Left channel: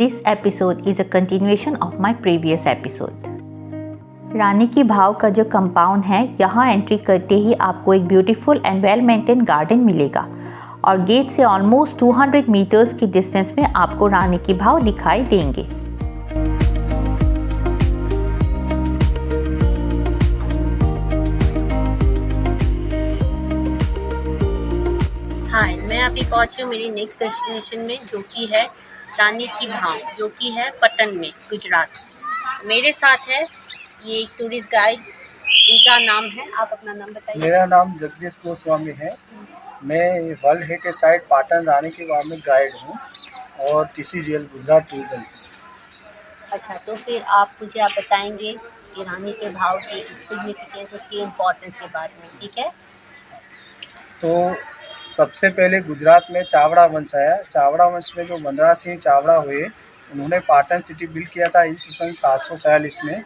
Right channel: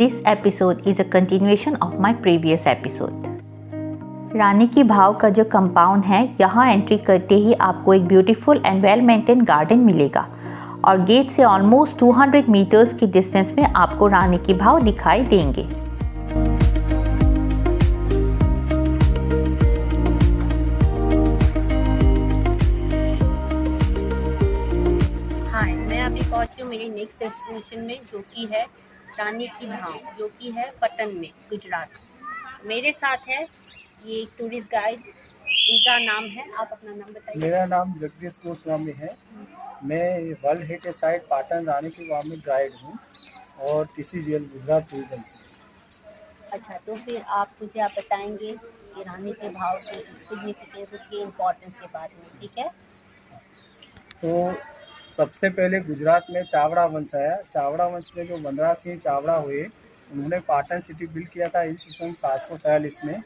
This episode is a continuation of my previous episode. रानी की भाव का जो कंपाउंड है, यहाँ एंट्री करते ही आपको एक beautiful and well maintain garden मिलेगा और गेट से ऑलमोस्ट 200 मीटर्स की डिस्टेंस में आपको रानी की भाव दिखाई देंगे। हाय, मैं अभी पहुंची हूँ मेरी नेक्स्ट डेस्टिनेशन में, जो कि है रानी की भाव, जो कि है पटन में, गुजरात। मेरे साथ है ये एक टूरिस्ट गाइड, इनका नाम है, आप अपना नाम बताइए। मेरा नाम जगदीश गोस्वामी है। मैं वर्ल्ड हेरिटेज साइट पाटन रानी की भाव में गाइड हूँ और TCGL गुजरात टूरिज्म से। अच्छा, तो फिर आप बताएंगे कि रानी के भाव की सिग्निफिकेंस, उसकी इम्पोर्टेंस के बारे में, ठीक है? तो सबसे पहले गुजरात में चावड़ा वंश आया। चावड़ा वंश में जो मनरा सिंह चावड़ा हुए, उन्होंने पाटन सिटी बिल्ड किया था ईस्वी 746 में,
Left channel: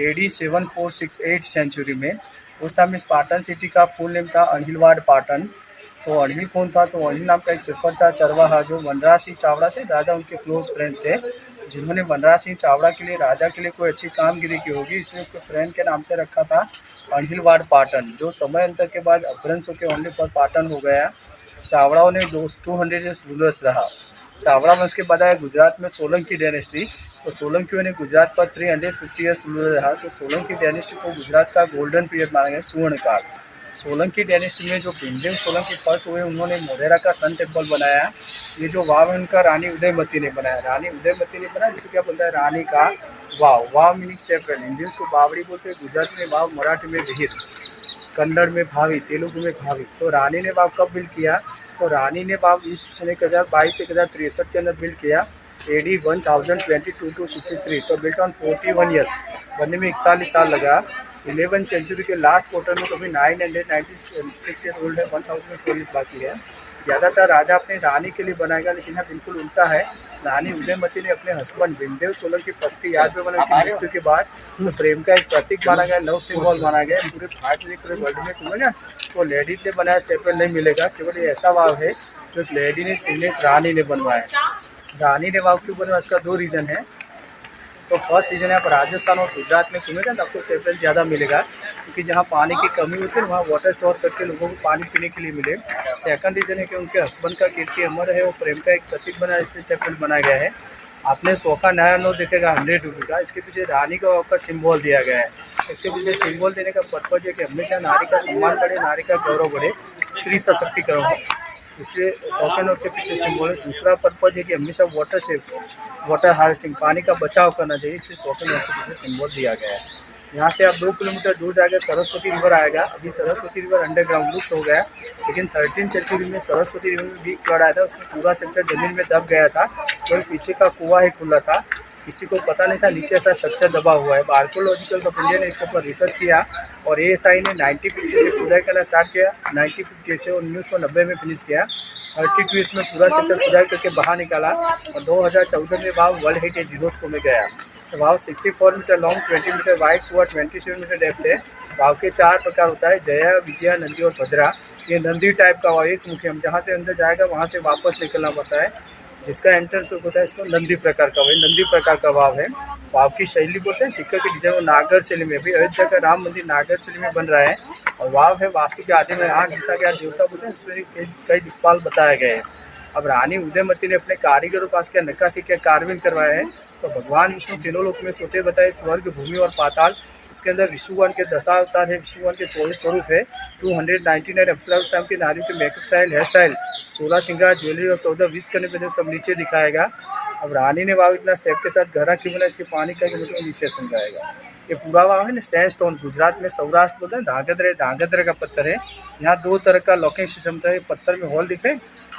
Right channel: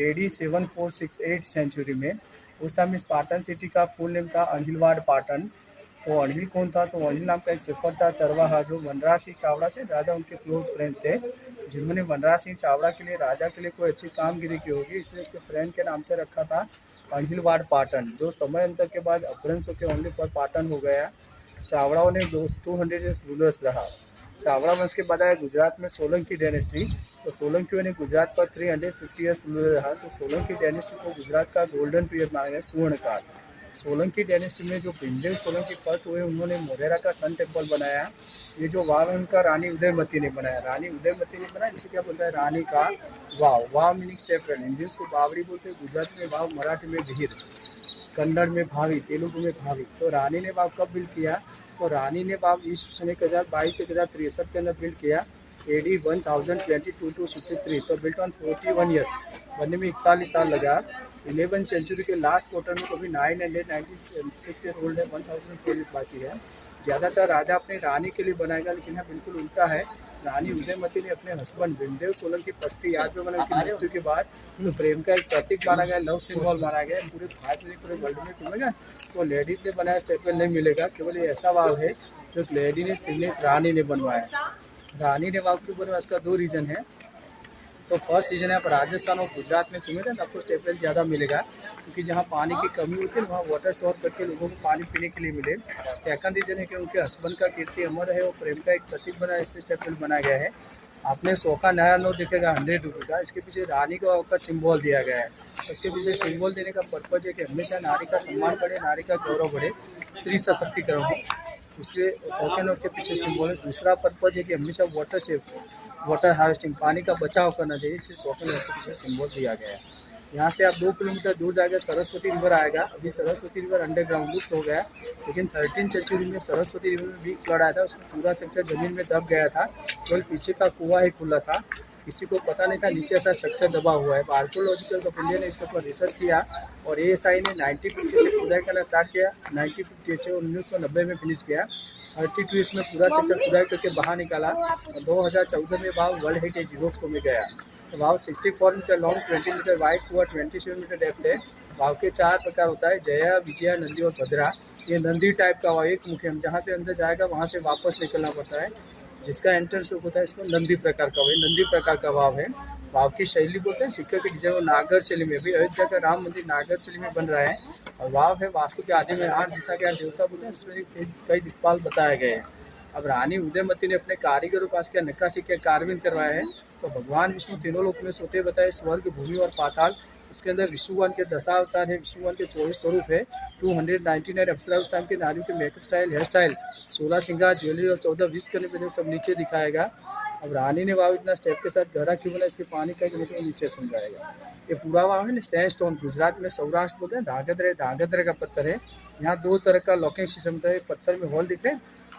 AD 7468 सेंचुरी में। उस टाइम इस पाटन सिटी का फुल नेम था अनिलवाड़ पाटन। तो अनिल कौन था? तो अनिल नाम का एक सिफर था चरवाहा, जो मनरा सिंह चावड़ा थे, राजा उनके क्लोज फ्रेंड थे, जिन्होंने मनरा सिंह चावड़ा के लिए, राजा के लिए कोई अच्छी कामगिरी की होगी, इसलिए उसके फ्रेंड के नाम से रखा था अनिलवाड़ पाटन, जो समय अंतर के बाद अपभ्रंश होकर ओनली पर पाटन हो गया। चावड़ाओं ने 200 ईयर्स रूलर्स रहा। चावड़ा वंश के बाद आया गुजरात में सोलंकी डायनेस्टी। तो सोलंकियों ने गुजरात पर 350 ईयर्स रूलर रहा। तो सोलंकी डायनेस्टी को गुजरात का गोल्डन पीरियड माना गया, स्वर्ण काल। सोलंकी डायनेस्टी में जो भीमदेव सोलंकी फर्स्ट हुए, उन्होंने मोढेरा का सन टेम्पल बनाया। ये जो वाव है उनका रानी उदयमती ने बनाया। रानी उदयमती ने बनाया, जिसे क्या बोलता है, रानी का वाव। वाव मीनिंग स्टेपवेल, हिंदी उसको बावड़ी बोलते हैं, गुजराती में वाव, मराठी में विहिर, कन्नड़ में भावी, तेलुगु में भावी। तो रानी ने वाव कब बिल्ड किया? तो रानी ने वाव ईस्वी 1022 से 1063 के अंदर बिल्ड किया, AD 1022 to 63। तो बिल्ट ऑन 41 ईयर्स, बनने में 41 साल लगा। 11वीं सेंचुरी के लास्ट क्वार्टर में तो भी 996 ईयर ओल्ड है, 1000 बाकी है। ज़्यादातर राजा अपने रानी के लिए बनाएगा, लेकिन यहाँ बिल्कुल उल्टा है। रानी उदयमती ने अपने हस्बैंड भीमदेव सोलंकी फर्स्ट की याद में बनाई थी। मृत्यु के बाद प्रेम का एक प्रतीक माना गया, लव सिंबल माना गया। पूरे भारत में, पूरे वर्ल्ड में तुम्हें ना तो लेडीज ने बनाया स्टेपल नहीं मिलेगा, केवल ये ऐसा वाव है जो लेडी ने, रानी ने बनवाया। रानी ने वाव क्यों बनवाया, इसका 2 रीज़न है। तो फर्स्ट रीज़न है, आप राजस्थान और गुजरात में घूमेगा तो आपको स्टेपल ज़्यादा मिलेगा, क्योंकि जहाँ पानी की कमी होती है वहाँ वाटर स्टोर करके लोगों को पानी पीने के लिए मिले। सेकंड रीज़न है कि उनके हस्बैंड का कीर्ति अमर है, वो प्रेम का एक प्रतीक बना, इससे स्टेपल बनाया गया है। आपने 100 का नया नोट देखेगा 100 रुपये का, इसके पीछे रानी का आपका सिंबल दिया गया है। इसके पीछे सिंबल देने का पर्पज है कि हमेशा नारी का सम्मान बढ़े, नारी का गौरव बढ़े, स्त्री सशक्तिकरण हो, इसलिए 100 के नोट के पीछे सिंबल है। दूसरा पर्पज है कि हमेशा वाटर हार्वेस्टिंग, पानी का बचाव करना चाहिए, इसलिए 100 के नोट के पीछे सिंबल दिया गया है। यहाँ से आप 2 किलोमीटर दूर जाकर सरस्वती रिवर आएगा। अभी सरस्वती रिवर अंडरग्राउंड लुप्त हो गया, लेकिन 13वीं सेंचुरी में सरस्वती रिवर में भी फ्लड आया था, उसमें पूरा सेक्टर जमीन में दब गया था। तो पीछे का कुआं ही खुला था, किसी को पता नहीं था नीचे ऐसा स्ट्रक्चर दबा हुआ है। आर्कोलॉजिकल ऑफ इंडिया ने इसके ऊपर रिसर्च किया और ASI ने 1950 से खुदाई करना स्टार्ट किया, 1958 से, और 1990 में फिनिश किया। 32 में पूरा सेक्टर खुदाई करके बाहर निकाला और 2014 में वाव वर्ल्ड हेरिटेज यूनेस्को में गया। तो वाव 64 मीटर लॉन्ग, 20 मीटर वाइड, कुआ 27 मीटर डेप्थ है। वाव के 4 प्रकार होता है, जया, विजया, नंदी और भद्रा। ये नंदी टाइप का वाव, एक मुख्य, हम जहाँ से अंदर जाएगा वहाँ से वापस निकलना पड़ता है, जिसका एंट्रेंस होता है, इसको नंदी प्रकार का, वही नंदी प्रकार का वाव है। वाव की शैली बोलते हैं, सिक्का की डिजाइन वो नागर शैली में, भी अयोध्या का राम मंदिर नागर शैली में बन रहा है। और वाव है वास्तु के आदि में 8 दिशा के देवता बोलते हैं, उसमें कई दिक्पाल बताए गए हैं। अब रानी उदयमती ने अपने कारीगरों पास क्या नक्काशी क्या कार्विंग करवाया है। तो भगवान विष्णु तीनों लोक में सोते बताए, स्वर्ग, भूमि और पाताल। इसके अंदर विष्णुवान के 10 अवतार है, विष्णुवान के 24 स्वरूप है, 299 अप्सरा उस टाइम के नारी के मेकअप स्टाइल, हेयर स्टाइल, 16 श्रृंगार, ज्वेलरी और 14 विश करने पर सब नीचे दिखाएगा। अब रानी ने वाव इतना स्टेप के साथ गहरा क्यों बना, इसके पानी का नीचे समझाएगा। ये पूरा वाव है ना सैंडस्टोन, गुजरात में सौराष्ट्र बोलते हैं धांगध्रा का पत्थर है। यहाँ 2 तरह का लॉकिंग सिस्टम होता है, पत्थर में होल दिखे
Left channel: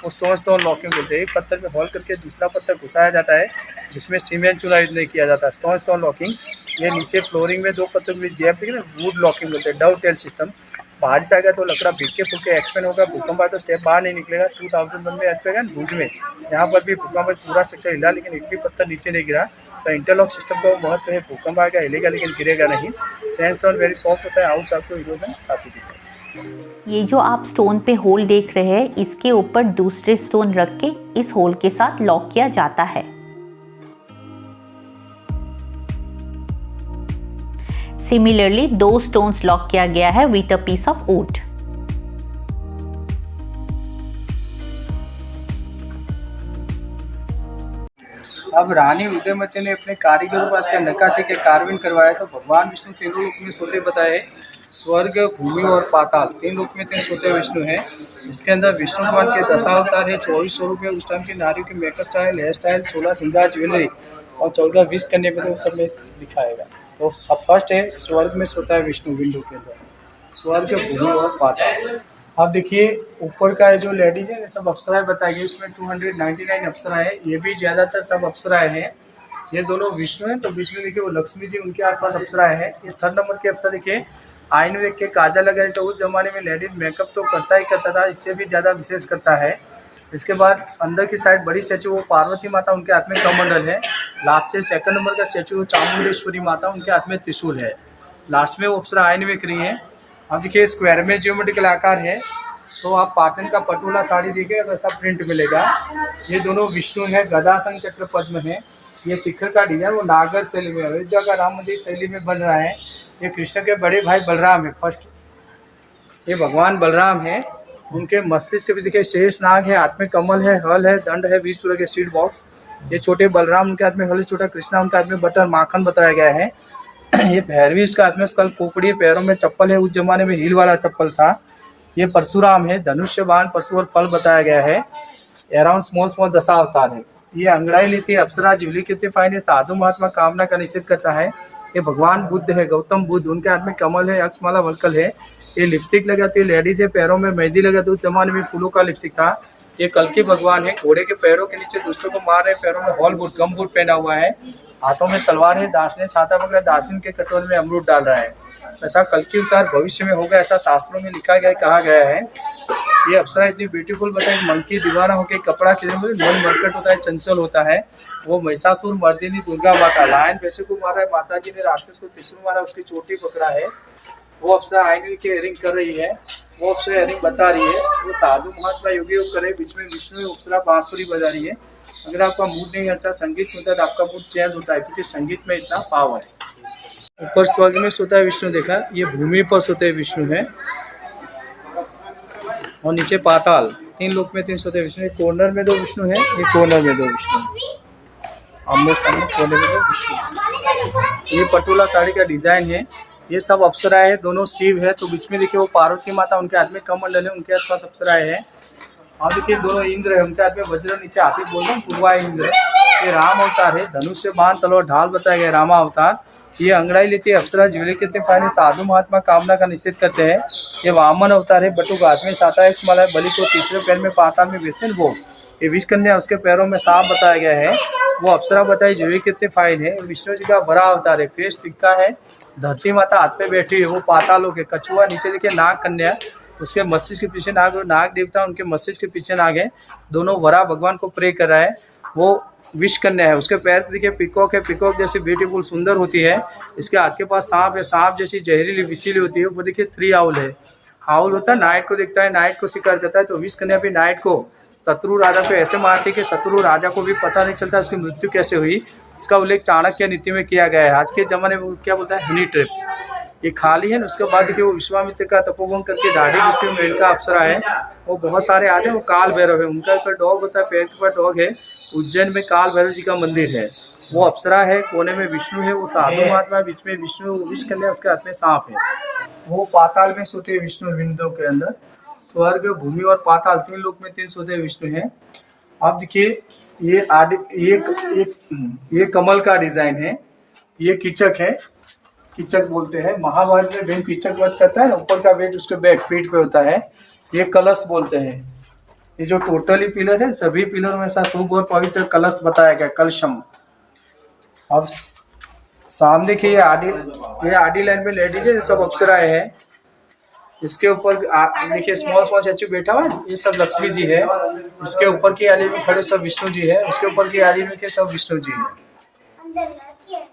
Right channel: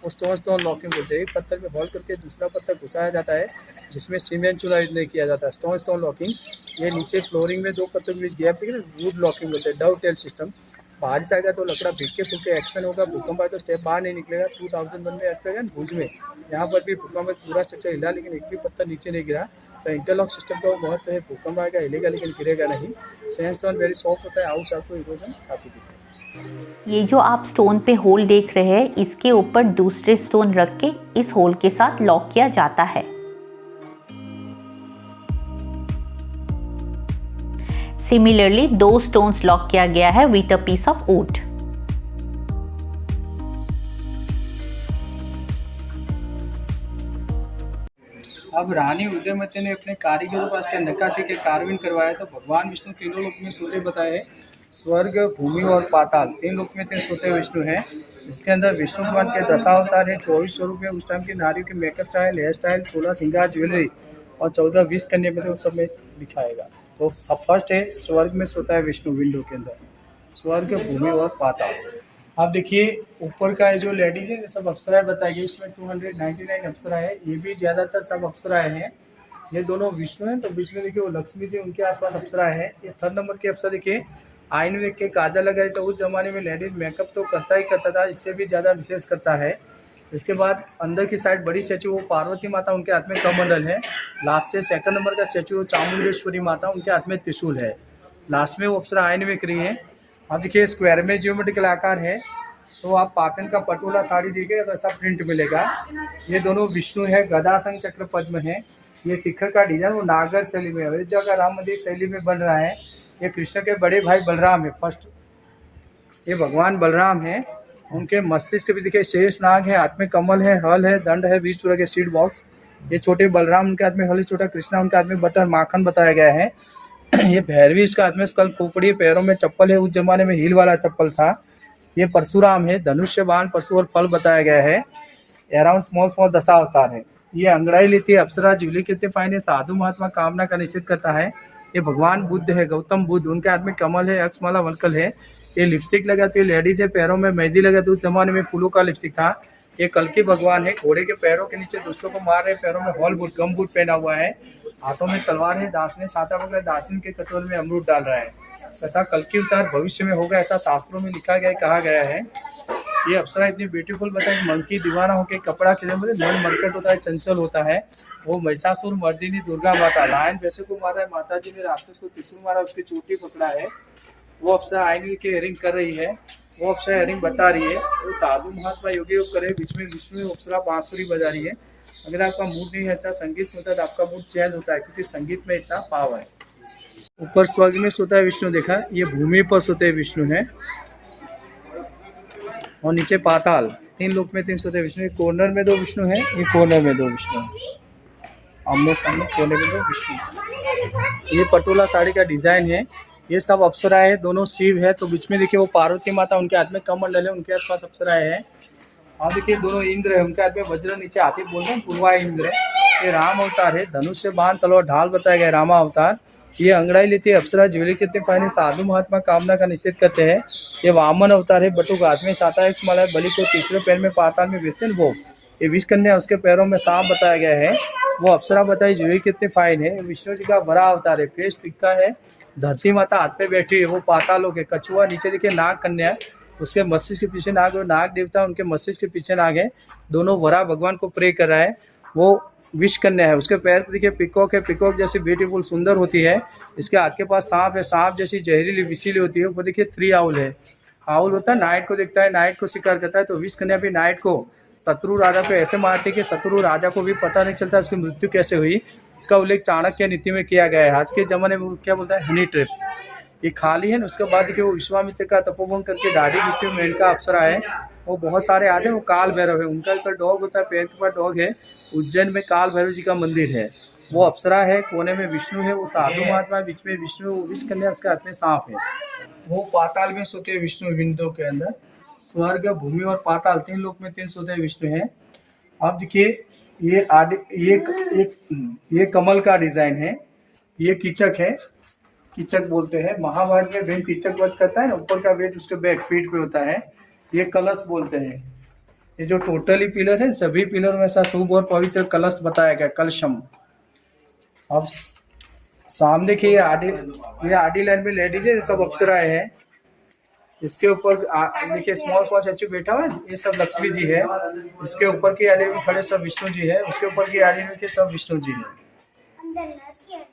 वो स्टोन लॉकिंग बोलते हैं। एक पत्थर में होल करके दूसरा पत्थर घुसाया जाता है, जिसमें सीमेंट चूना यूज नहीं किया जाता, स्टोन लॉकिंग। ये नीचे फ्लोरिंग में 2 पत्थर के बीच गैप दिखे ना, वुड लॉकिंग बोलते हैं, डव टेल सिस्टम। बारिश आएगा तो लकड़ा भीग के एक्सपेंड होगा, भूकंप आया तो स्टेप बाहर नहीं निकलेगा। 2001 में अर्थक्वेक है भुज में, यहाँ पर भी भूकंप पूरा सेक्शन हिला, लेकिन एक भी पत्थर नीचे नहीं गिरा। तो इंटरलॉक सिस्टम का महत्व है, भूकंप आएगा हिलेगा लेकिन गिरेगा नहीं। सैंडस्टोन वेरी सॉफ्ट होता है, आउट आपको इरोजन काफी दिखेगा। ये जो आप स्टोन पे होल देख रहे हैं, इसके ऊपर दूसरे स्टोन रख के इस होल के साथ लॉक किया जाता है। सिमिलरली 2 स्टोन्स लॉक किया गया है with a piece of wood. अब रानी उदयमती ने अपने कारीगरों पास के नक्काशी के कार्विंग करवाया तो भगवान विष्णु तीनों लोक में सोते बताए। स्वर्ग, भूमि और पाताल, 3 लोक में 3 सोते विष्णु हैं। इसके अंदर विष्णु भगवान के 10 अवतार है, 24 स्वरूप है। उस टाइम की नारियों के मेकअप स्टाइल, हेयर स्टाइल, 16 श्रृंगार, ज्वेलरी और 14 विष कन्या में तो सब में दिखाएगा। तो सब फर्स्ट है स्वर्ग में सोता है विष्णु, विंडो के अंदर स्वर्ग, भूमि और पाताल। अब देखिए ऊपर का जो लेडीज है सब अप्सराएं बताई गई, उसमें 299 अप्सरा है। ये भी ज़्यादातर सब अप्सराएं हैं। ये दोनों विष्णु हैं, तो विष्णु देखिए वो लक्ष्मी जी उनके आसपास अप्सराएं हैं। ये 3rd नंबर की अप्सरा देखिए आई में देख के काजल लगाई, तो उस जमाने में लेडीज मेकअप तो करता ही करता था, इससे भी ज़्यादा विशेष करता है। इसके बाद अंदर की साइड बड़ी स्टैचू वो पार्वती माता, उनके हाथ में कमंडल है। लास्ट से 2nd नंबर का स्टैचू वो चामुंडेश्वरी माता, उनके हाथ में त्रिशूल है। लास्ट में वो अप्सरा आयन में करी है। अब देखिए स्क्वायर में ज्योमेट्रिकल आकार है, तो आप पाटन का पटोला साड़ी देखेंगे तो ऐसा प्रिंट मिलेगा। ये दोनों विष्णु है, गदा संग चक्र पद्म है। ये शिखर का डिजाइन वो नागर शैली में, अयोध्या का राम मंदिर शैली में बन रहा है। ये कृष्ण के बड़े भाई बलराम है फर्स्ट, ये भगवान बलराम है। उनके मस्तिष्क पे देखिए शेष नाग है, हाथ में कमल है, हल है, दंड है, बीच पूरा के सीड बॉक्स। ये छोटे बलराम उनके हाथ में हल, छोटा कृष्णा उनके हाथ में बटर माखन बताया गया है। ये भैरवी इसका हाथ में स्कल खोपड़ी, पैरों में चप्पल है, उस जमाने में हील वाला चप्पल था। ये परशुराम है, धनुष्य बाण, पशु और फल बताया गया है। अराउंड स्मॉल 10 अवतार है। ये अंगड़ाई लेती है अप्सरा, ज्यूली कितने फाइन है, साधु महात्मा कामना का निषेध करता है। ये भगवान बुद्ध है, गौतम बुद्ध, उनके हाथ में कमल है, अक्षमाला वलकल है। ये लिपस्टिक लगाती है लेडीज है, पैरों में मेहंदी लगाती है, उस जमाने में फूलों का लिपस्टिक था। ये कल्कि भगवान है, घोड़े के पैरों के नीचे दुष्टों को मार रहे, पैरों में हॉल बूट गम बूट पहना हुआ है, हाथों में तलवार है, दासने छाता पकड़ा, दासिन के कटोरे में अमरूद डाल रहा है। ऐसा कल्कि अवतार भविष्य में होगा, ऐसा शास्त्रों में लिखा गया, कहा गया है। ये अप्सरा इतनी ब्यूटीफुल बताए, मन की दीवाना होकर कपड़ा खिले हुए, मन मरकट होता है, चंचल होता है। वो महिषासुर मर्दिनी दुर्गा माता, लायन पैसे को मारा है, माता जी ने राक्षस को त्रिशूल मारा, उसकी चोटी पकड़ा है। वो अप्सरा आईने के हेयरिंग कर रही है, वो अप्सरा हेयरिंग बता रही है। वो साधु महात्मा योगी योग कर रहे, बीच में विष्णु अप्सरा बांसुरी बजा रही है। अगर आपका मूड नहीं अच्छा संगीत सुनता है तो आपका मूड चेंज होता है, क्योंकि संगीत में इतना पावर है। ऊपर स्वर्ग में सोता है विष्णु देखा, ये भूमि पर सोते हैं विष्णु है, और नीचे पाताल, 3 लोक में 3 सोते विष्णु। कॉर्नर में 2 विष्णु है, ये कॉर्नर में 2 विष्णु, आमने सामने कोने में 2 विष्णु। ये पटोला साड़ी का डिजाइन है। ये सब अप्सराएं है, दोनों शिव है, तो बीच में देखिए वो पार्वती माता, उनके हाथ में कमंडल है, उनके आसपास अप्सराएं है। और देखिए दोनों इंद्र है, उनके हाथ में वज्र, नीचे हाथी बोल रहे हैं, पूर्वा इंद्र है। ये राम अवतार है, धनुष्य बाण तलवार ढाल बताया गया, रामा अवतार। ये अंगड़ाई लेती है अप्सरा, ज्वेलरी कितने फायने, साधु महात्मा कामना का निषेध करते हैं। ये वामन अवतार है, बटुक हाथ में छाता है, माला है, बलि को तीसरे पैर में पाताल में बेचते हैं वो। ये विष कन्या, उसके पैरों में सांप बताया गया है। वो अप्सरा बताई, ज्वेलरी कितने फाइन है। विष्णु जी का बड़ा अवतार है, फेस टिक्का है, धरती माता हाथ पे बैठी है, वो पाताल लोग है। कछुआ नीचे देखिए नाग कन्या, उसके मस्तिष्क के पीछे नाग, नाग देवता उनके मस्तिष्क के पीछे नाग है। दोनों वरा भगवान को प्रे कर रहा है। वो विष कन्या है, उसके पैर पे देखिए पिकॉक है, पिकॉक जैसी ब्यूटीफुल सुंदर होती है। इसके हाथ के पास सांप है, सांप जैसी जहरीली विषीली होती है। वो देखिए 3 आउल है, आउल होता है नाइट को देखता है, नाइट को शिकार करता है। तो विष कन्या भी नाइट को शत्रु राजा को ऐसे मारती कि शत्रु राजा को भी पता नहीं चलता उसकी मृत्यु कैसे हुई। इसका उल्लेख चाणक्य नीति में किया गया है। आज के ज़माने में क्या बोलता है, हनी ट्रिप। ये खाली है, उसके बाद देखिए वो विश्वामित्र का तपोवन करके दाढ़ी दृष्टि मेनका अप्सरा है। वो बहुत सारे आज है, वो काल भैरव है, उनका ऊपर डॉग होता है, पैर के ऊपर डॉग है। उज्जैन में काल भैरव जी का मंदिर है। वो अप्सरा है, कोने में विष्णु है, वो साधु महात्मा, बीच में विष्णु, विष कन्या, उसके हाथ में सांप है। वो पाताल में सोते विष्णु, विंडो के अंदर स्वर्ग, भूमि और पाताल, 3 लोक में 3 सोते विष्णु हैं। अब देखिए ये कमल का डिजाइन है। ये कीचक है, कीचक बोलते हैं। महाभारत में भीम कीचक वध करता है, ऊपर का वेट उसके बैक पीठ पे होता है। ये कलश बोलते हैं। ये जो टोटली पिलर है, सभी पिलर में ऐसा शुभ और पवित्र कलश बताया गया, कलशम। अब सामने की ये आडी लाइन में लेडीज है, सब अप्सराएं हैं। इसके ऊपर देखिए स्मॉल स्टैचू बैठा हुआ है, ये सब लक्ष्मी जी है। इसके ऊपर की आली में खड़े सब विष्णु जी है, उसके ऊपर की आली में सब विष्णु जी है।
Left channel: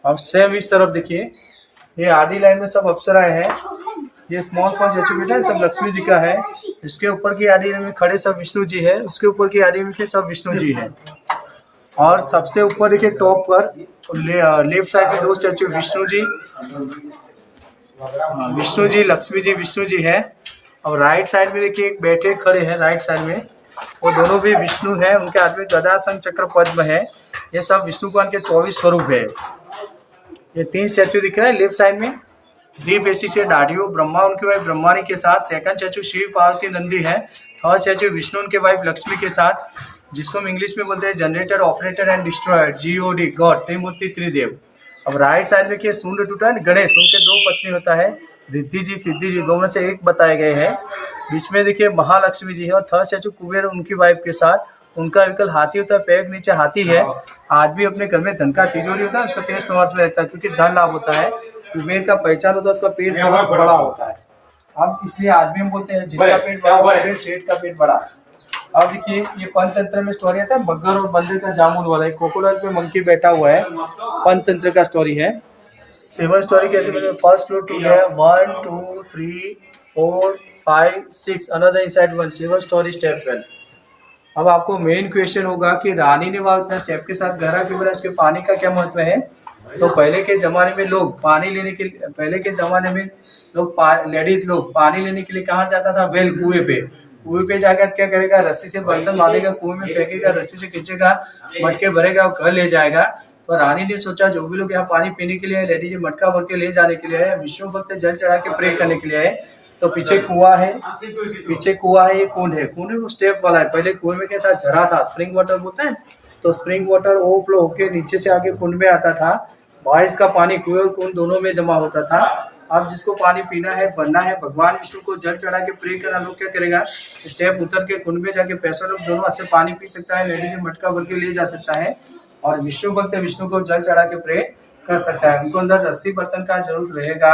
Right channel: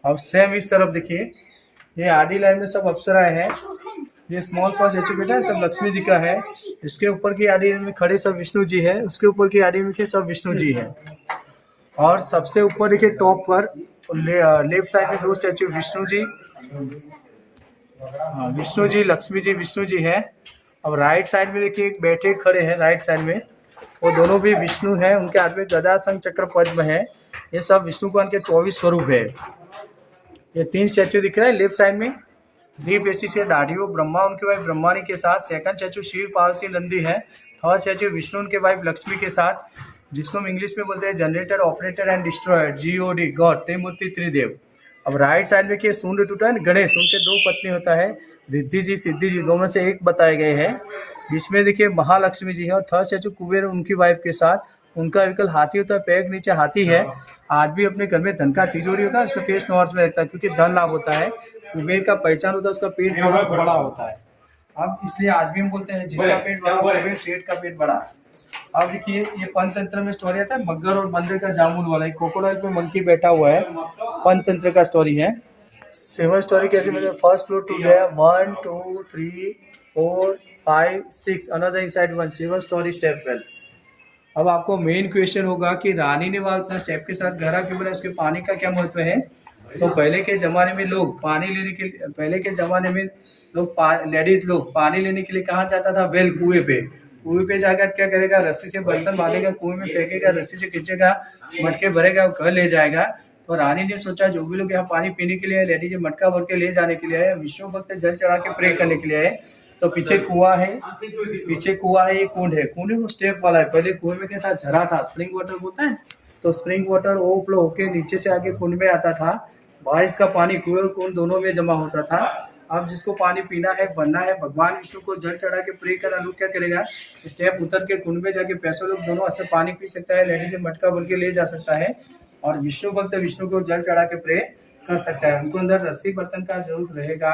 अब सेम इस तरफ देखिए, ये आडी लाइन में सब अप्सराएं हैं। ये स्मॉल स्टैचू बैठा है, सब लक्ष्मी जी का है। इसके ऊपर की आडी में खड़े सब विष्णु जी है, उसके ऊपर की आडी में सब विष्णु जी है। और सबसे ऊपर देखिए टॉप पर लेफ्ट साइड में 2 स्टैचू विष्णु जी, हाँ, विष्णु जी, लक्ष्मी जी, विष्णु जी है। और राइट साइड में देखिए एक बैठे खड़े हैं राइट साइड में, वो दोनों भी विष्णु है। उनके हाथ में गदा शंख चक्र पद्म है। ये सब विष्णु भगवान के 24 स्वरूप है। ये 3 स्टैचू दिख रहा है लेफ्ट साइड में। डीप एसी से डाडियो ब्रह्मा उनकी वाइफ ब्रह्माणी के साथ। सेकंड स्टैचू शिव पार्वती नंदी है। थर्ड स्टैचू विष्णु उनके वाइफ लक्ष्मी के साथ, जिसको हम इंग्लिश में बोलते हैं generator, operator and destroyer, GOD, God, Trimurti Tridev. अब राइट साइड में सूर्य टूटा है, गणेश, उनके 2 पत्नी होता है, रिद्धि जी, सिद्धि जी, दोनों से एक बताए गए हैं। बीच में देखिए महालक्ष्मी जी है। और थर्ड स्टैचू कुबेर उनकी वाइफ के साथ। उनका विकल्प हाथी होता है, पैर के नीचे हाथी है। आदमी अपने घर में धन का तिजोरी होता है, उसका फेस नॉर्थ में रहता है क्योंकि धन लाभ होता है। कुबेर का पहचान होता है, उसका पेट बहुत बड़ा होता है। अब इसलिए आदमी हम बोलते हैं जिसका पेट बड़ा, कुबेर सेठ का पेट बड़ा। अब देखिए ये पंचतंत्र में स्टोरी आता है, बग्गर और बंदर का जामुन वाला। एक क्रोकोडाइल पे मंकी बैठा हुआ है, पंचतंत्र का स्टोरी है। 7 स्टोरी कैसे मिले? फर्स्ट फ्लोर 2 है, 1 2 3 4 5 6, अनदर इनसाइड 1, 7 स्टोरी स्टेप 12। अब आपको मेन क्वेश्चन होगा कि रानी ने वहाँ उतना स्टेप के साथ घरा क्यों बनाया, उसके पानी का क्या महत्व है। तो पहले के ज़माने में लोग पानी लेने के लिए, पहले के ज़माने में लोग लेडीज लोग पानी लेने के लिए कहाँ जाता था? वेल, कुएं पे जाकर क्या करेगा? रस्सी से बर्तन बांधेगा, कुएं में फेंकेगा, रस्सी से खींचेगा, मटके भरेगा और घर ले जाएगा। तो रानी ने सोचा जो भी लोग यहाँ पानी पीने के लिए, लेडीज मटका भर के ले जाने के लिए है, विष्णु भक्त जल चढ़ा के प्रे करने के लिए है। तो पीछे कुआं है, ये कुंड है। कुंड वो स्टेप वाला है। पहले कुएं में क्या था? झरा था, स्प्रिंग वाटर बोलता है। तो स्प्रिंग वाटर ओवरफ्लो होके नीचे से आगे कुंड में आता था। बारिश का पानी कुएं और कुंड दोनों में जमा होता था। अब जिसको पानी पीना है, भरना है, भगवान विष्णु को जल चढ़ा के प्रे करना, लोग क्या करेगा? स्टेप उतर के कुंड में जाके पैसे लोग दोनों हाथ से पानी पी सकता है, लेडीज मटका भर के ले जा सकता है। और विष्णु भक्त विष्णु को जल चढ़ा के प्रे कर सकता है। उनको अंदर रस्सी बर्तन का जरूरत रहेगा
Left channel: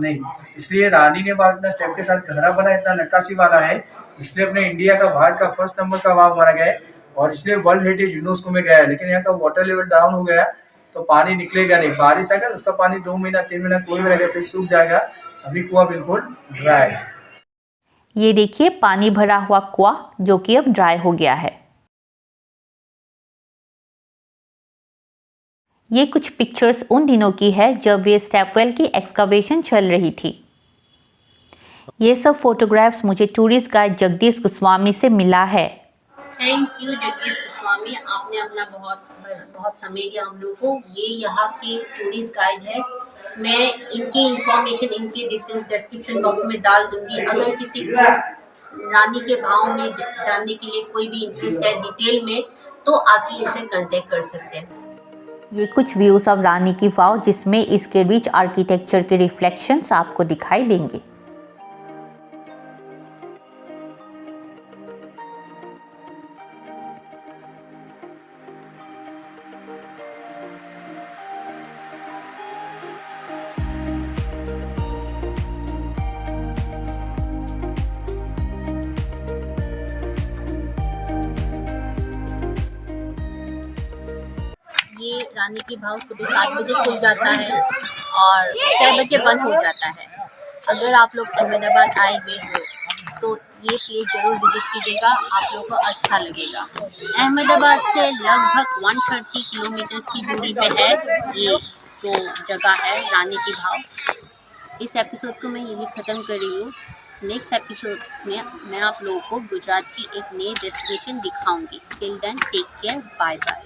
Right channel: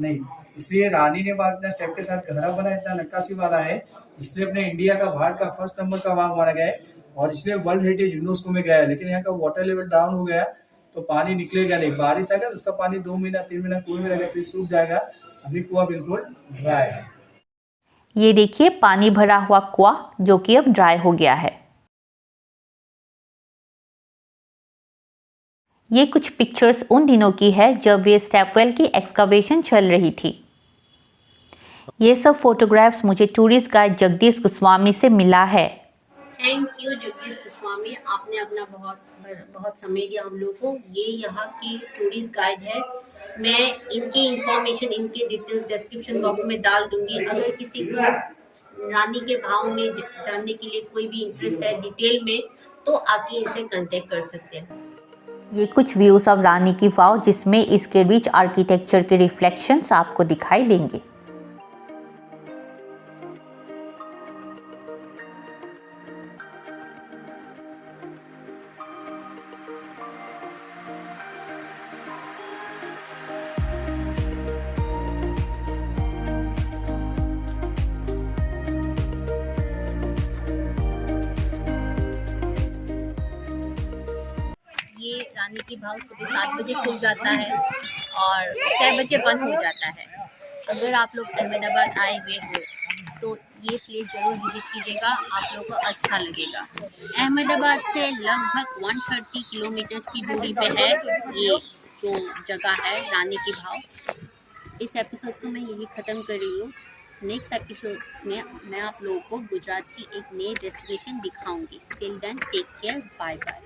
नहीं। इसलिए रानी ने बाग स्टेप के साथ घरा बना, इतना नक्काशी वाला है। इसलिए अपने इंडिया का, भारत का फर्स्ट नंबर का वाव माना गया है और इसलिए वर्ल्ड हेरिटेज यूनेस्को में गया है। लेकिन यहाँ का वाटर लेवल डाउन हो गया तो पानी निकलेगा नहीं। बारिश आएगा तो उसका पानी 2 महीना 3 महीना कुएं में रहेगा, फिर सूख जाएगा। अभी कुआं बिल्कुल ड्राई है। ये देखिए पानी भरा हुआ कुआं जो कि अब ड्राई हो गया है। ये कुछ पिक्चर्स उन दिनों की है जब ये स्टेपवेल की एक्सकवेशन चल रही थी। ये सब फोटोग्राफ्स मुझे टूरिस्ट गाइड जगदीश गोस्वामी से मिला है। थैंक यू जगदीश गोस्वामी, आपने अपना बहुत समय दिया हम लोग को। ये यहाँ के टूरिस्ट गाइड है। मैं इनकी इंफॉर्मेशन, इनके डिटेल्स डिस्क्रिप्शन बॉक्स में डाल दूंगी। अगर किसी को रानी के भाव में जानने के लिए कोई भी इंटरेस्ट है डिटेल में, तो आके इनसे कांटेक्ट कर सकते हैं। ये कुछ व्यूज ऑफ रानी की वाव जिसमें इसके रिच आर्किटेक्चर के रिफ्लेक्शंस आपको दिखाई देंगे। रानी की भाव सुबह 7 बजे खुल जाता है और 6 बजे बंद हो जाता है। अगर आप लोग अहमदाबाद आए हुए हो तो ये प्लेस ज़रूर विजिट कीजिएगा, आप लोगों को अच्छा लगेगा। अहमदाबाद से लगभग 130 किलोमीटर की दूरी पे है ये जो जगह है रानी की भाव। इस एपिसोड को मैं यही ख़त्म कर रही हूँ। नेक्स्ट एपिसोड में मैं आप लोगों को गुजरात की एक नई डेस्टिनेशन दिखाऊंगी। Till then take care, bye bye.